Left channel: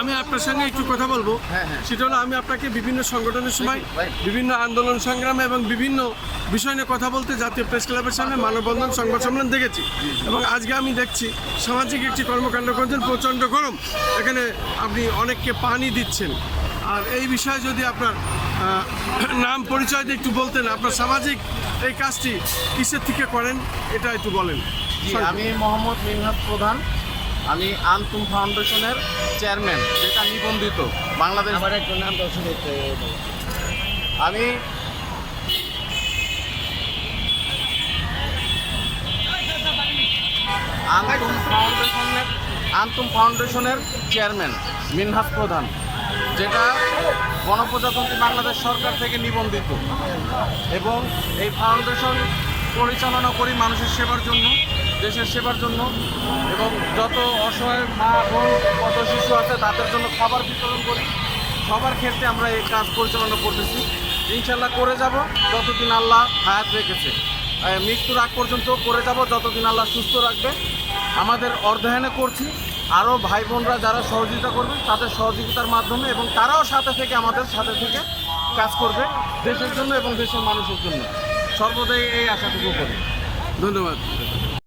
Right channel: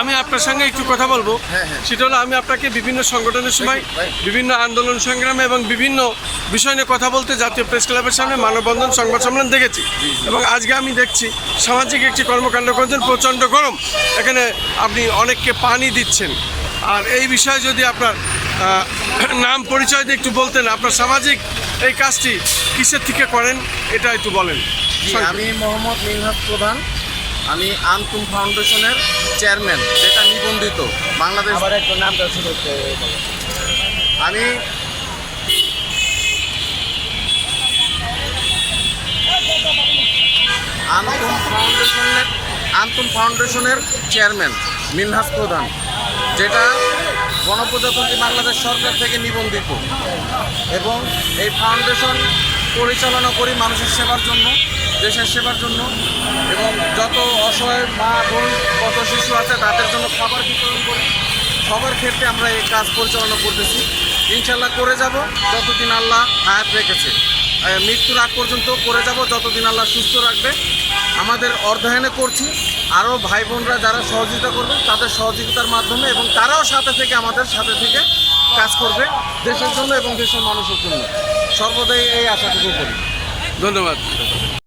আমি আপনার সঙ্গে একটু কথা বলবো। সেটা হলো, আমি আপনাকে বিভিন্ন সংগঠনের সময় বিভিন্ন আন্দোলন সংগ্রামে এবং বিভিন্ন বিষয় নিয়ে কথা বলতে জাতীয় প্রেস ক্লাবের সামনে মানববন্ধন সংবাদ সম্মেলন দেখেছি, এবং আজকে আমি দেখছি সামাজিক একটি কর্মকাণ্ড করছেন। প্রচণ্ড গরম, এখানে আপনি অনেককে পানি দিচ্ছেন। আর এই বিষয়ে যদি আপনার নাম পরিচয় দিয়ে একটু বলতেন, আপনার সামাজিক এই কাজটি কিসের থেকে করেন এটা একটু বলেন। আমি মোহাম্মদ মিনহাজ প্রধান, আমি আন্তুম ফাউন্ডেশনের চেয়ারম্যান, যেটা নিবন্ধিত বাংলাদেশ। আমি আন্তুম ফাউন্ডেশনের চেয়ারম্যান মিনহাজ প্রধান, যেটা গণপ্রজাতন্ত্রী বাংলাদেশ সরকার থেকে নিবন্ধিত, এবং এই ফাউন্ডেশন পরিচালনা করি মানুষের সেবার জন্য, দেশের সেবার জন্য, এবং যত অসহায় মা বোন কত শিশু আছে তাদের জন্য খাবার বিতরণ করি। সবার ক্ষেত্রে আমরা এই কাজ পরিচালনা করতেছি, ইনশাল্লাহ করে যাব যতদিন আল্লাহ হায়াত রেখেছে। মৃত্যুর আগ পর্যন্ত করে যাব যতদিন আল্লাহ সুস্থ রাখবে। আমাদের অর্ধায়নে করছি, আরও ভাই বোনরা যারা সহযোগিতা করবেন তাদের সহযোগিতার মাধ্যমে, এবং তারাও সাথে থেকে আমাদের সাথে থেকে কাজ করবে দেশের জন্য এবং দেশের মানুষের জন্য। সর্বদাই এই আশাটুকু করি। ধন্যবাদ।